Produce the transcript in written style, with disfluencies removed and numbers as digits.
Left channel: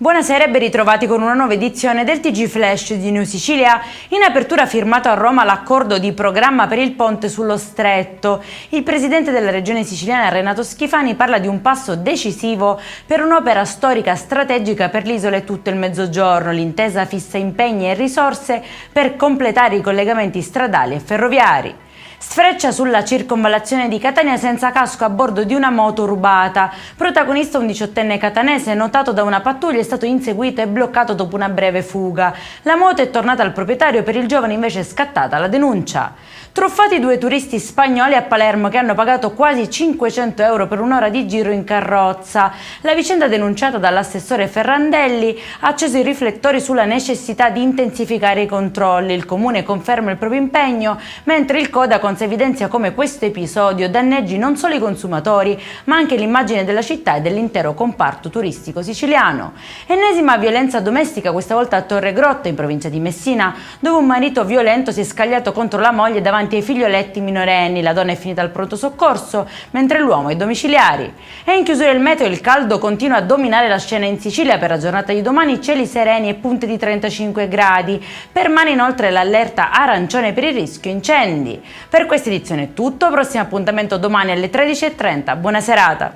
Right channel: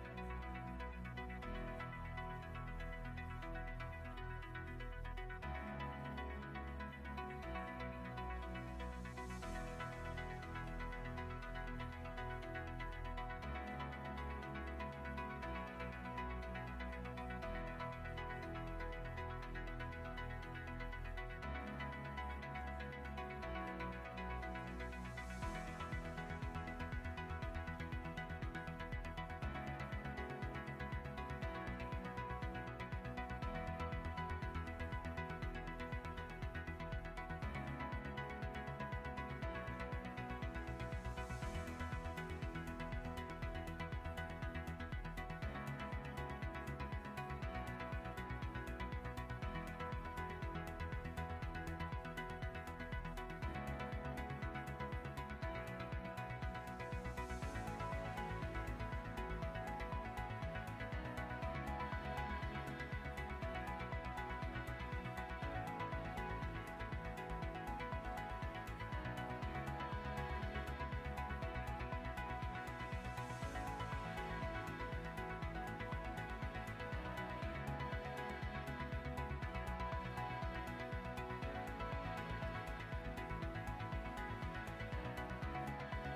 Buonasera e ben ritrovati con una nuova edizione del TG Flash di New Sicilia. In apertura ha firmato a Roma l'accordo di programma per il ponte sullo Stretto. Il presidente della regione siciliana Renato Schifani parla di un passo decisivo per un'opera storica strategica per l'isola e tutto il Mezzogiorno. L'intesa fissa impegni e risorse per completare i collegamenti stradali e ferroviari. Sfreccia sulla circonvallazione di Catania senza casco a bordo di una moto rubata. Protagonista un 18enne catanese notato da una pattuglia, è stato inseguito e bloccato dopo una breve fuga. La moto è tornata al proprietario, per il giovane invece è scattata la denuncia. Truffati due turisti spagnoli a Palermo che hanno pagato quasi 500 euro per un'ora di giro in carrozza. La vicenda, denunciata dall'assessore Ferrandelli, ha acceso i riflettori sulla necessità di intensificare i controlli. Il comune conferma il proprio impegno, mentre il Codacons evidenzia come questo episodio danneggi non solo i consumatori, ma anche l'immagine della città e dell'intero comparto turistico siciliano. Ennesima violenza domestica, questa volta a Torre Grotta, in provincia di Messina, dove un marito violento si è scagliato contro la moglie davanti ai figlioletti minorenni. La donna è finita al pronto soccorso, mentre l'uomo è domiciliari. E in chiusura il meteo, il caldo continua a dominare la scena in Sicilia. Per la giornata di domani cieli sereni e punte di 35 gradi. Permane inoltre l'allerta arancione per il rischio incendi. Per questa edizione è tutto, prossimo appuntamento domani alle 13:30. Buona serata!